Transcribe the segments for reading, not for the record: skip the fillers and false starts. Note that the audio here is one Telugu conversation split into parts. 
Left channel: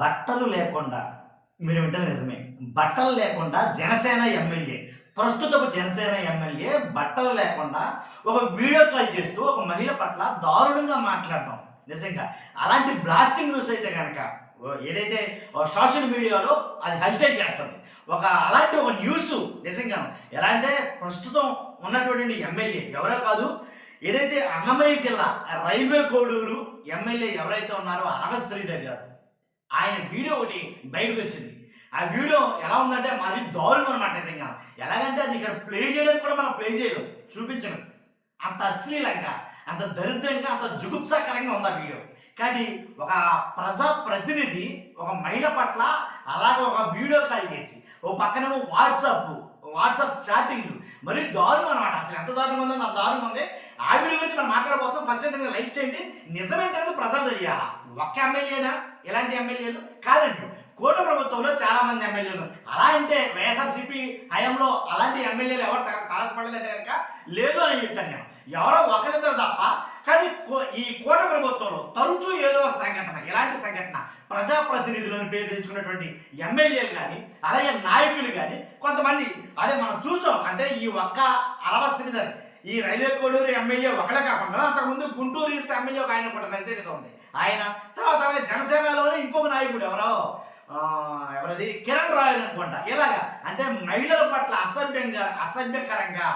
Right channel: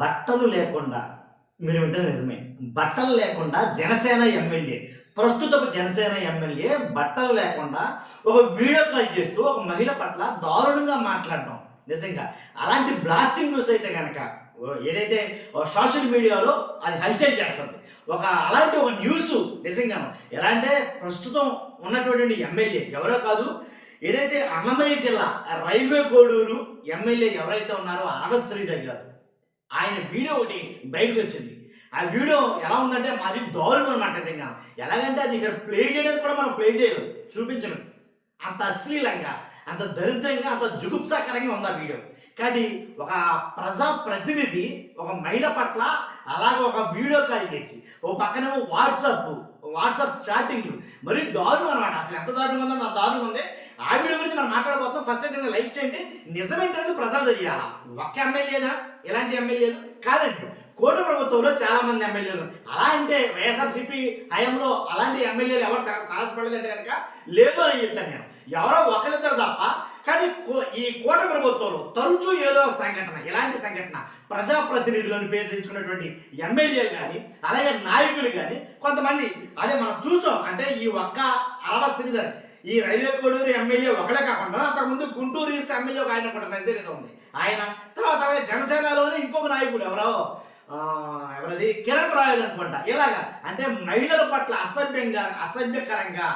బట్టలు లేకుండా మీరు వింటది నిజమే. బట్టలు లేకుండా జనసేన ఎమ్మెల్యే, ప్రస్తుతపు జనసేన ఎమ్మెల్యే బట్టలు లేకుండా ఒక వీడియో కాల్ చేస్తూ ఒక మహిళ పట్ల దారుణంగా మాట్లాడడం. నిజంగా. అలాంటి బ్లాస్టింగ్ న్యూస్ అయితే గనక ఏదైతే సోషల్ మీడియాలో అది హల్చల్ చేస్తుంది. అలాంటి ఒక న్యూసు నిజంగాను. ఎలా అంటే ప్రస్తుతం ఉన్నటువంటి ఎమ్మెల్యే ఎవరో కాదు, ఏదైతే అన్నమయ్య జిల్లా రైల్వే కోడూరు ఎమ్మెల్యే ఎవరైతే ఉన్నారో అరవ శ్రీధర్ గారు. ఆయన వీడియో ఒకటి బయటకొచ్చింది. ఆ వీడియో ఎలా ఉందంటే మరీ దారుణం అనమాట నిజంగా. ఎలాగంటే అది ఇక్కడ ప్లే చేయడానికి కూడా మనం ప్లే చేయలేం, చూపించలేం. అంత అశ్లీలంగా, అంత దరిద్రంగా, అంత జుగుప్సాకరంగా ఉంది ఆ వీడియో. కానీ ఒక ప్రజా ప్రతినిధి ఒక మహిళ పట్ల అలాగ ఒక వీడియో కాల్ చేసి, ఓ పక్కనేమో వాట్సాప్ చాటింగ్‌లు మరీ దారుణం అనమాట. అసలు ఎంత దారుణంగా ఉందో అంత దారుణంగా ఉంది. ఆ వీడియో గురించి మనం మాట్లాడబోతున్నాం. ఫస్ట్ అయితే లైక్ చేయండి. నిజమేంటనేది ప్రజలు తెలియాలా. ఒక్క ఎమ్మెల్యేనా ఇలాంటి ఎమ్మెల్యేలు? కాదండి. కూటమి ప్రభుత్వంలో చాలా మంది ఎమ్మెల్యేలు. అలా అంటే వైఎస్ఆర్‌సీపీ హయాంలో అలాంటి ఎమ్మెల్యేలు ఎవరు తారసపడలేదంటే గనక లేదు అని చెప్తాను నేను. ఎవరో ఒకళ్ళిద్దరు తప్ప. కానీ ఈ కూటమి ప్రభుత్వంలో తరచూ ఏదో సంఘటన, ఇలాంటి సంఘటన ప్రజాప్రతినిధులను పేరు తెచ్చుకున్నటువంటి ఎమ్మెల్యేలు కానీ, అలాగే నాయకులు కానీ కొంతమంది అదే మనం చూసాం. అంటే ఈ ఒక్క అరవ శ్రీధర్ ఈ రైల్వే కోడూరు ఎమ్మెల్యే ఒకలే కాకుండా అంతకుముందు గుంటూరు ఈస్ట్ ఎమ్మెల్యే ఒక ఆయన కూడా నజరీతో ఉంది. ఆయన తర్వాత అలాగే జనసేనలోనే ఇంకొక నాయకుడు ఎవరది కిరణ్ రాయల్ అనుకుంటా. ఇలాగా అంటే మహిళల పట్ల అసభ్యకరంగా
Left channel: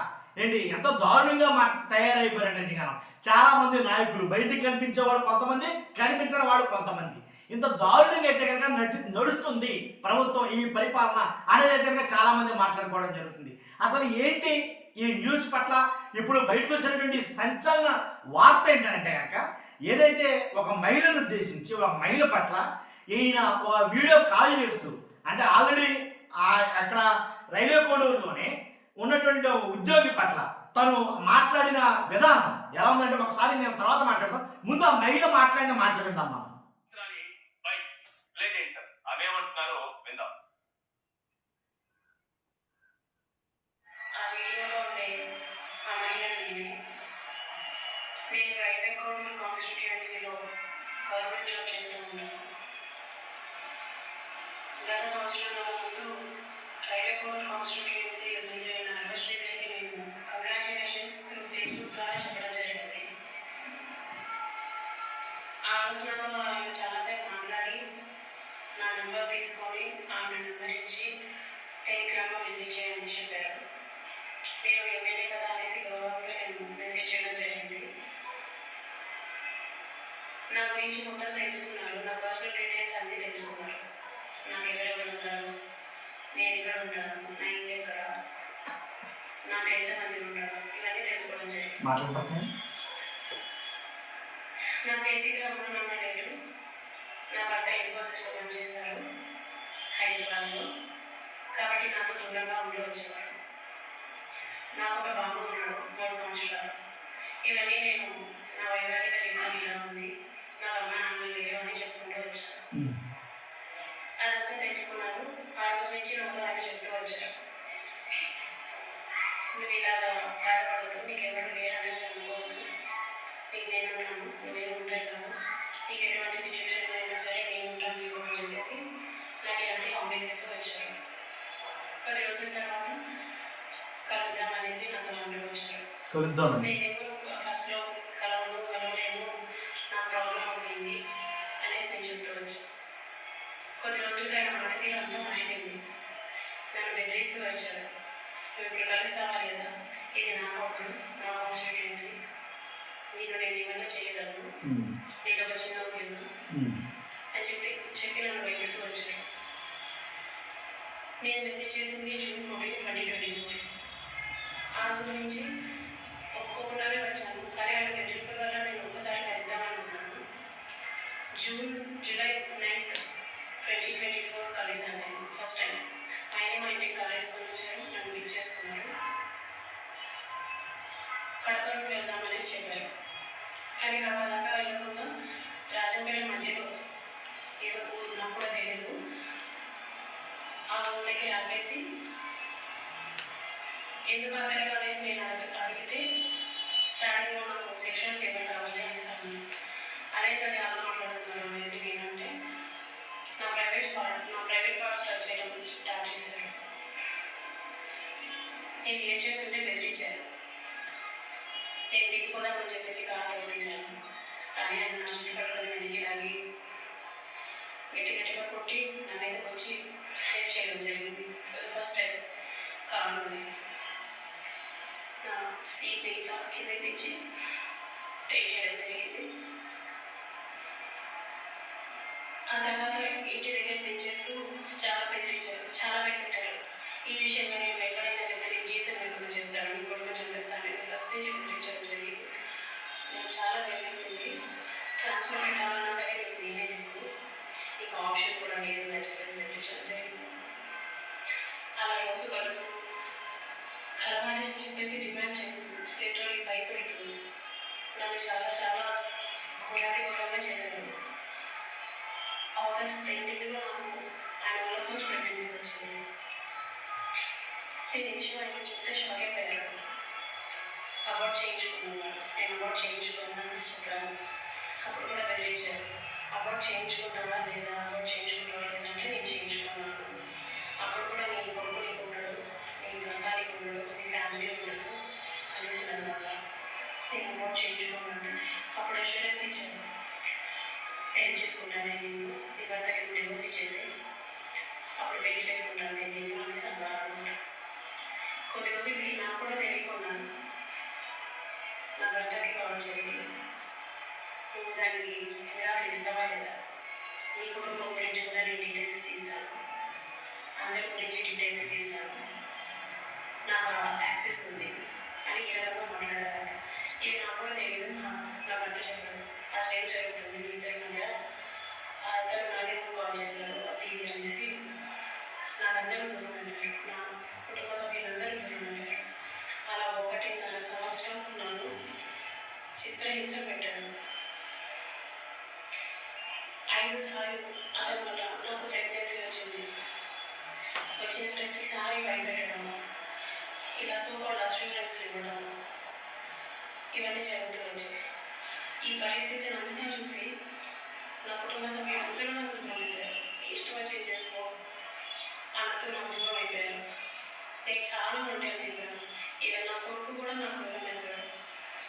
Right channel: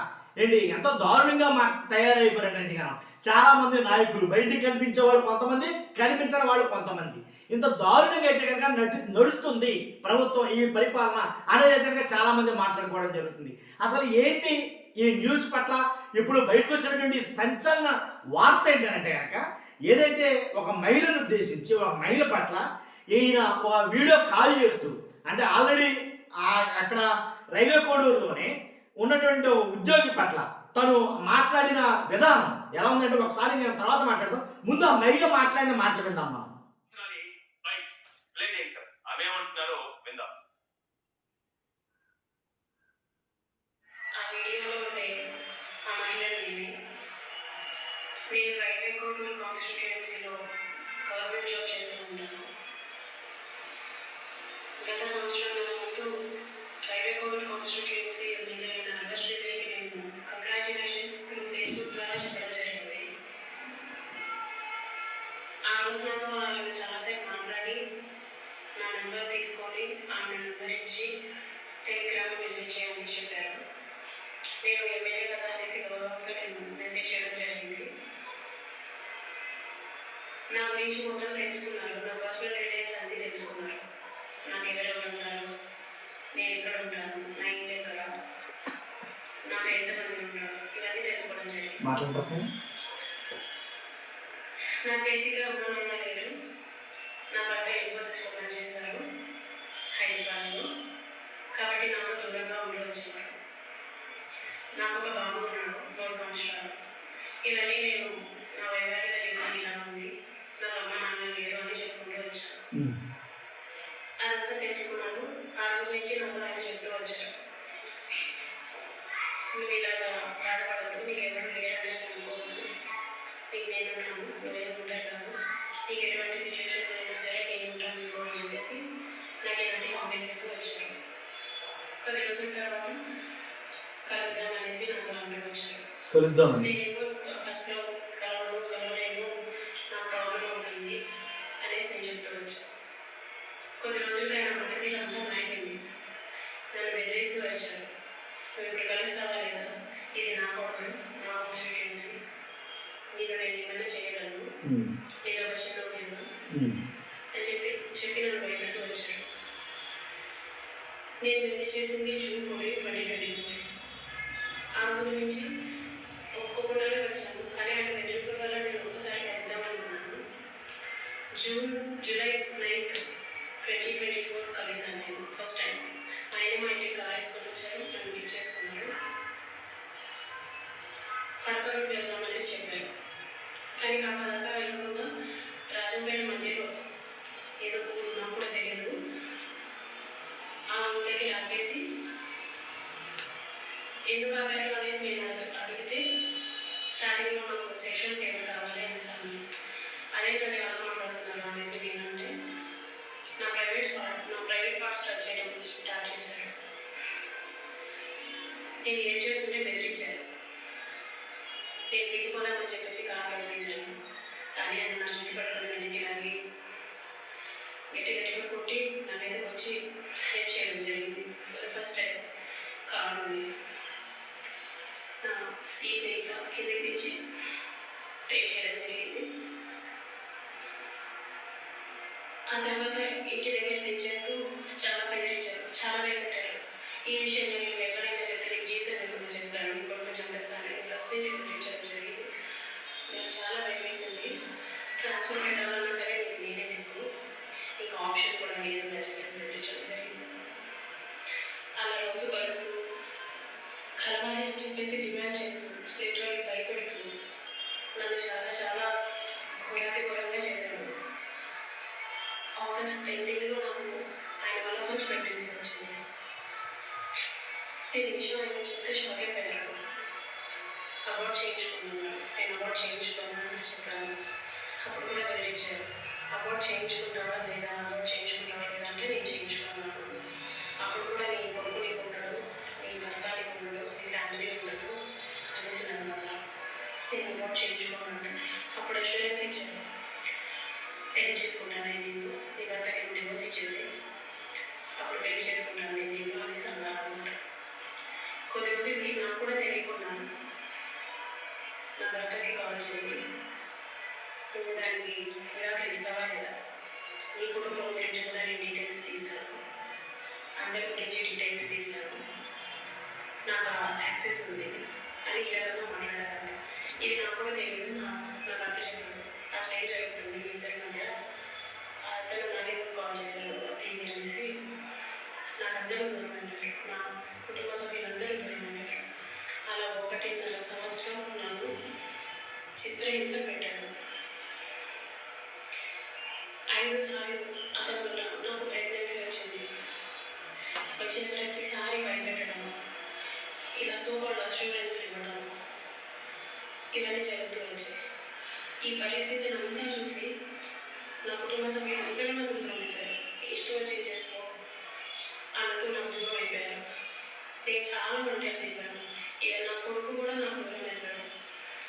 ఏంటి ఎంత దారుణంగా తయారైపోయారు నిజంగా. చాలా మంది నాయకులు బయటికి కనిపించే వాళ్ళు కొంతమంది, కనిపించని వాళ్ళు కొంతమంది. ఇంత దారుణంగా అయితే కనుక నడుస్తుంది ప్రభుత్వం ఈ పరిపాలన అనేది అయితే కనుక చాలా మంది మాట్లాడుకోవడం జరుగుతుంది. అసలు ఏంటి ఈ న్యూస్ పట్ల ఇప్పుడు బయటకు వచ్చినటువంటి సంచలన వార్త ఏంటంటే కనుక ఏదైతే ఒక మహిళను ఉద్దేశించి ఒక మహిళ పట్ల ఈయన ఒక వీడియో కాల్ చేస్తూ, అంటే ఆల్రెడీ అక్కడ రైల్వే కోడూరులోనే ఉన్నటువంటి ఉద్యోగి పట్ల తను మాట్లాడిన విధానం ఎలా ఉందంటే ఒకసారి నేను తర్వాత మాట్లాడతాం. ముందు ఆ మహిళ మాట్లాడిన మాటలు విందాం మనం. నేను రైల్వే కోడూరు కాన్స్టిట్యుయెన్సీలో గవర్నమెంట్ జాబ్ చేస్తూ ఉంటాను. గత సంవత్సరంన్నర ముందు రైల్వే కోడూరు కాన్స్టిట్యుయెన్సీ ఎమ్మెల్యే అయిన అరవశ్రీ గారికి నేను కంగ్రాచులేషన్స్ త్రూ ఫేస్బుక్ ద్వారా చెప్పడం జరిగింది. ఆ రోజు నాతో ఆయన చాలాసేపు మాట్లాడి నా నెంబర్ తీసుకొని ఆయన నెంబర్ ఇచ్చి టెలిగ్రామ్లో మెసేజ్ చేయమని చెప్పారు. నేను ఎమ్మెల్యే కదా అనేసి గౌరవంతో నేను మెసేజ్ చేయడం జరిగింది. నా గురించి మొత్తం తెలుసుకున్నారు. నా పర్సనల్ డీటెయిల్స్ అన్నీ తెలుసుకున్నారు. నాకు ఎవరెవరు ఉంటారు, నేను ఎక్కడ ఉంటాను, నా ఇల్లు ఎక్కడ, నాకు ఎంతమంది ఉంటారు, ఇవన్నీ తెలుసుకోవడం జరిగింది. నాకు బేసిక్గా అమ్మ నాన్న లేరు. నా భర్త ఇన్ఫోసిస్లో పనిచేస్తారు హైదరాబాద్లో. కాబట్టి నాతో దూరంగా ఉండవచ్చేవారు. నాకు ఒక బాబు ఉన్నాడు 3 సంవత్సరాలు. ఇవన్నీ నేను నా వైవాహిక జీవితం ఇలా ఉంది, నాకు అమ్మ నాన్న లేరు అని చెప్పుకుంటూ వచ్చాను. అదంతా తెలుసుకున్నాను. ఆ రోజు నుంచి నాతో ఆయన చెప్తూ వచ్చారు, నువ్వు ఇలాగా బాధపడద్దు, నీకు ఎవరు లేరు అనేసి అనుకోవద్దు, నీకు నేను ఉంటాను, నువ్వేమి ఉంటాయి కాదు, నీకు ఎటువంటి సిచ్యువేషన్లో అయినా సరే నేను ఉంటాను నీకు అని చెప్పేసి నాకు ఇలాంటి హామీలు ఇస్తూ వచ్చారు. కొద్ది రోజుల తర్వాత కలుద్దాం అనేసి నాతో అందరూ వచ్చారు. నేనేమో ఫస్ట్లో కలవలేను, నా ప్రాబ్లం అవుతుంది అనేసి నేను చెప్తూ వచ్చాను. కొద్ది రోజులకి ఆయన మాట తీరు అంతా మారిపోయింది. నన్ను బెదిరిస్తూ వచ్చారు, నువ్వు ఇప్పుడు కలుస్తావా లేదా, ఇది నా కొడుకు, నా కాన్స్టిట్యుయెన్సీ, నేను ఏమైనా చేయగలను, నీతో ఒక చిన్న ఉద్యోగం అని చెప్పి నన్ను భయపెడుతూ వచ్చారు. నేను మెసేజ్ చేసింది June 14, 2024. ఆ రోజు నుంచి ఒప్పుకోకుండానే వచ్చాను. కానీ ఆయన బెదిరింపుల వల్ల నేను ఒకసారి కలుద్దామనుకున్నాను. జూలై 9, 2024 కలిసాను నేను ఫస్ట్ టైం. ఆయన మా ఇంటికి కార్ వేసుకొని వచ్చారు, నన్ను పిక్ చేసుకున్నారు. కడప రూట్ వెళ్దామనేసి చెప్పారు. కానీ కడప దాకా వెళ్ళకుండా రాజంపేట మధ్యలో ఏదో ఊరు నాకు కూడా తెలియదు, ఆ ఊరి దగ్గర ఆపేసి ఎందుకు ఆపారు అనేసి నేను అడిగితే స్టార్టింగ్లో నాకు సెక్షన్ ఫేవర్ కావాలి అనేసి అన్నాను. అదేంటంటే వాళ్ళు మాట్లాడుతున్నారు అనేసి నేనంటే, నా థాట్స్ టచ్ చేయడం స్టార్ట్ చేశారు. నేను ఏం చేస్తుంటే బెదిరించాను. నేను దిగిపోదామని చెప్పేసి కార్ తీశాను. కానీ ఆయన నా చుట్టూ పట్టుకొని వెనక్కి లాగి గట్టిగా కొట్టి నా మీదకి వచ్చి హెల్ప్ చేయడం జరిగింది. ఫస్ట్ టైం కారులోనే నా సీట్ ఇట్లా కిందకి తెచ్చి టేక్ చేయడం జరిగింది. ఆ తర్వాత ఇంటి దగ్గర తెచ్చేస్తూ చాలా బెదిరించారు, చాలా భయపెట్టారు. ఈ విషయంలో నేను ఎక్కడైనా చెప్తే నీకు జీవితం లేకుండా చేస్తాను, ఇంకోటి కొంచెం పెడతాను, నేను ఫస్ట్ నుంచి బెదిరించడం జరిగింది. నాకు చాలా భయం వేసింది. ట్రాన్స్ఫర్ పెట్టాలన్నా సరే నీకు నేనే దిక్కు, నీకు ఆప్షన్ కూడా లేదు అని చెప్పేసి బెదిరించడం జరిగింది. అలా రోజు గడుస్తూ కలవాలి అని చెప్పేసి డిమాండ్ చేస్తూ లిటరలీ భయపెడుతూ నన్ను చాలా చాలా ఘోరాతిఘోరంగా చేశారు. ఆగస్ట్ ఎండింగ్లో నాకు ఆయన వల్ల ఫస్ట్ ప్రెగ్నెన్సీ వచ్చింది. నేను ఈ విషయం ఆయన చెప్తే షాక్ అయిపోయారు. అవార్డ్ చేయించుకున్నాను, నేను అవార్డ్ చేయించుకున్నాను చెప్పాను. అప్పుడు కూడా బెదిరించారు, అవార్డ్ చేయించుకుంటావా లేదా, అవార్డ్ చేయించుకుంటావా లేదా అంటే నేను చేయించుకున్నాను. అప్పుడు కూడా నీ కొడుకు నీకు ఉండడు, నీ భర్త నీకు ఉండడు, నీ ఫ్యామిలీ ఉండదు అనేసి నన్ను అన్నారు. నేను అవార్డ్ చేయించుకున్నాను. అప్పుడు అష్యూరెన్స్ ఇచ్చాను, పెళ్లి చేసుకుంటాను నేను నిన్ను, నీ భర్తకి నువ్వు డివోర్స్ ఇచ్చేసి అప్పుడు పెళ్లి చేసుకుంటాను నేను నిన్ను అనేసి అన్నారు అనమాట. కొద్దిగా నాకు కూడా తెలియకుండా నా భర్తకి కాల్ చేసి నువ్వు దానికి విడాకులు ఇస్తావా లేదా, నీ కుటుంబం గురించి కూడా నేను డీటెయిల్స్ తీస్తాను, అందరి గురించి డీటెయిల్స్ తీస్తాను, నాకు యాక్సెస్ ఉంది అని ఏ రకంగా మాట్లాడారంట. ఇది నాకు కూడా తెలియదు, నా భర్త చెప్పాను. అసలు ఏం జరుగుతుంది మీ ఇద్దరి మధ్య, అతను నాకెందుకు కాల్ చేశారు అది ఇది అనేసి నాకందరూ దూరం అంటారు, నా కుటుంబ సభ్యులందరూ దూరం అంటారు. అలా 1.5 సంవత్సరం నన్ను చిత్రహింస పెట్టాడు. 5 సార్లు అతని వల్ల నాకు ప్రెగ్నెన్సీ వచ్చింది. వచ్చిన ప్రతిసారి భయపెట్టడం, ఇలా సూపర్ అష్యూరెన్స్ ఇవ్వడం, ఇవన్నీ జరుగుతూ వచ్చాయి. ఈ పరిస్థితిని అంతా చూసి నా కుటుంబ సభ్యులు అందరూ నాకు దూరం అయిపోయారు. ఇష్టం వచ్చి చేసుకో అన్నట్టు నాకు దూరం అయిపోయారు. నేను చాలా ఒంటరి అయిపోయాను. ఇక నా కొడుకు కూడా నాకు దూరం అయిపోయాడు.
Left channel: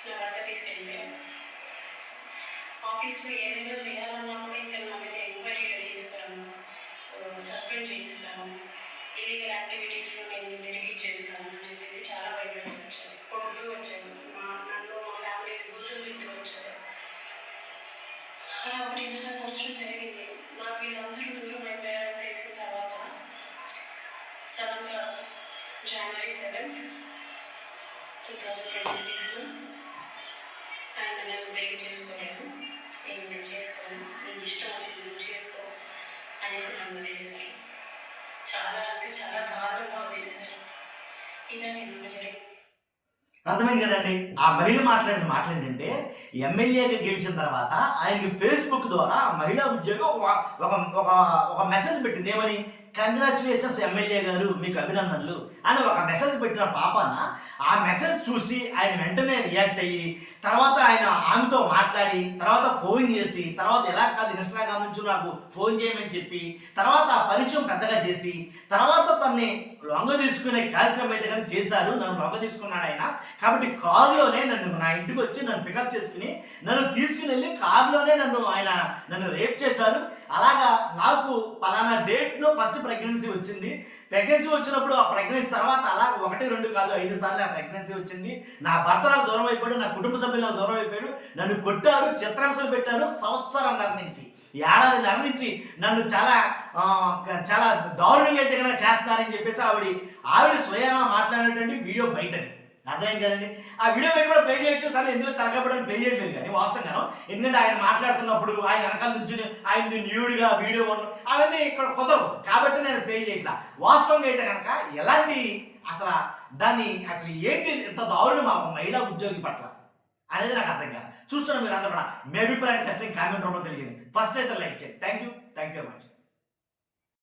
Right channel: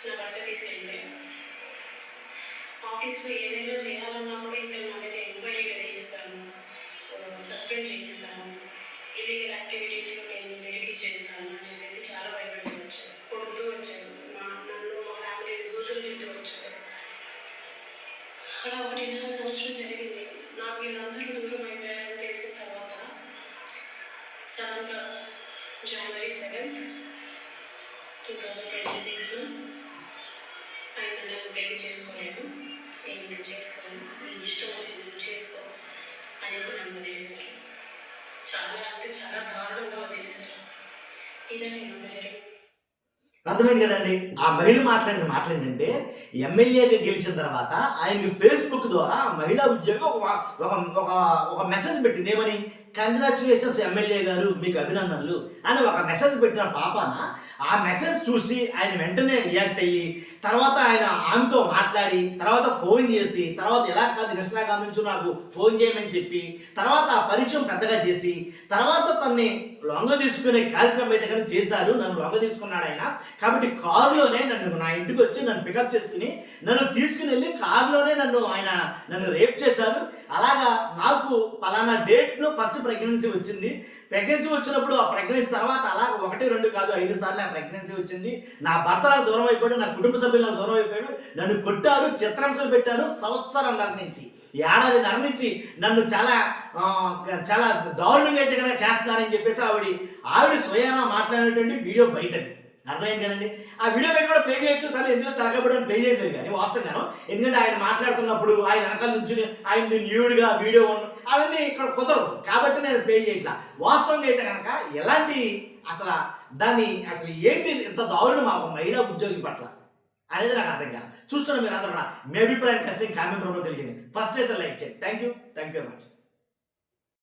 నా భర్త తీసుకెళ్ళిపోయాను. ఆఫీస్లో ఏదైనా చేయాలన్నా కూడా ఇతను నా మీద ఎంక్వైరీ చేస్తాను, సస్పెండ్ చేయిస్తాను, ఇల్లీగల్ యాక్టివిటీస్లో నేను నిరికిచ్చేస్తాను అని చెప్పేసి చాలా భయపడుతూ వచ్చాను. కొడుతూ వచ్చాను, నన్ను మా ఫ్యామిలీని బూతులు తింటూ వచ్చాను. అలా 1.5 సంవత్సరం జరిగింది. నాకు వీళ్ళందరూ దూరం అయిపోయారని తెలిసిన తర్వాత సడన్గా January 7th, 2026లో ఆయన నన్ను పెళ్లి చేసుకోలేదు, నేను ఇంకా చేసుకోను, నీకు ఇష్టం వచ్చింది నువ్వు చేసుకో అనేసి నన్ను వదిలేశారు. చాలా అంటే చాలా దారుణంగా వదిలేశారు. ఇదే నేను జరిగింది. అర్థమైంది కదండి. ఆ మహిళ మాట్లాడిన మాటలు ఏంటంటే, ఎమ్మెల్యేగా గెలిచిన తర్వాత ఆయనకి ఫేస్బుక్ ద్వారా మహిళా ఉద్యోగి ఒక మెసేజ్ పెట్టింది. ఏమని, కంగ్రాచులేషన్స్ ఎమ్మెల్యే గారు, మీకు అభినందనలు అని ఒక మెసేజ్ పెట్టిన పాపాన ఆ మెసేజ్ చూసి ఆయన వెంటనే రియాక్ట్ అయ్యి, తర్వాత ఆయన ఆమెతో మాట్లాడి, తర్వాత ఫోన్ చేసి, తర్వాత ఎలా కాదు ఇన్స్టాగ్రామ్ నుంచి నాకు ఫోన్ చేయమని చెప్పి, తర్వాత ఆ పరిచయం పెద్దగా చేసి, తర్వాత తన్ని లొంగ తీసుకునే కార్యక్రమం అయితే కానీ చేశారు. నన్ను లొంగ తీసుకున్నాడు ఆయన. కాబట్టి కారులోనే నా ఇంటికి వచ్చి నన్ను పికప్ చేసుకుని నన్ను తీసుకుని వెళ్ళి కారులోనే నన్ను రేప్ చేశారు. అలాగా నాకు పలానా డేట్లో ఫస్ట్ ప్రెగ్నెన్సీ వచ్చింది. ప్రెగ్నెన్సీ వచ్చినప్పుడు ఆ ప్రెగ్నెన్సీ తర్వాత అలా 1, 2 కాదు 5 సార్లు ఆ ప్రెగ్నెన్సీ వచ్చింది. నా భర్త నాకు దూరం అయిపోయాడు, నా కుటుంబ సభ్యులు నాకు దూరం అయిపోయాడు, నన్ను కొట్టారు, చిత్రాంశాలు పెట్టారు. సంవత్సరంన్నర నుంచి, ఏడాదిన్నర నుంచి నన్ను చాలా చాలా దారుణంగా అయితే కనుక చేస్తున్నారని చెప్పేసి ఆవిడ స్వయానా మాట్లాడినటువంటి వీడియో బయటది. అర్థమైంది కదండి. ఆ వీడియో బయట కూడా ప్లే చేయొచ్చు, సరే ఎందుకు తరగబడి ప్లే చేయట్లేదు కానీ వాస్తవంగాను. ఎందుకంటే ఆయన మాట్లాడుతున్నప్పుడు ఆయన వెనకాల నుంచి ఆయన న్యూడ్గా వీడియో అవన్నీ ఇక్కడ కుదరదు కాబట్టి నేను ప్లే చేయట్లా. వాస్తవంగా అయితే కనుక ఎలాంటి అసలు ఏంటి ఇంత దారుణం ఆ మహిళా ఉద్యోగి పట్ల అనేది నాకు అర్థం కాదు. చూస్తున్న మీరు అందరూ కూడా మీ అభిప్రాయం కామెంట్ రూపంలో తెలియజేయండి. ఫస్ట్ అయితే లైక్ చేయండి. Thank you very much.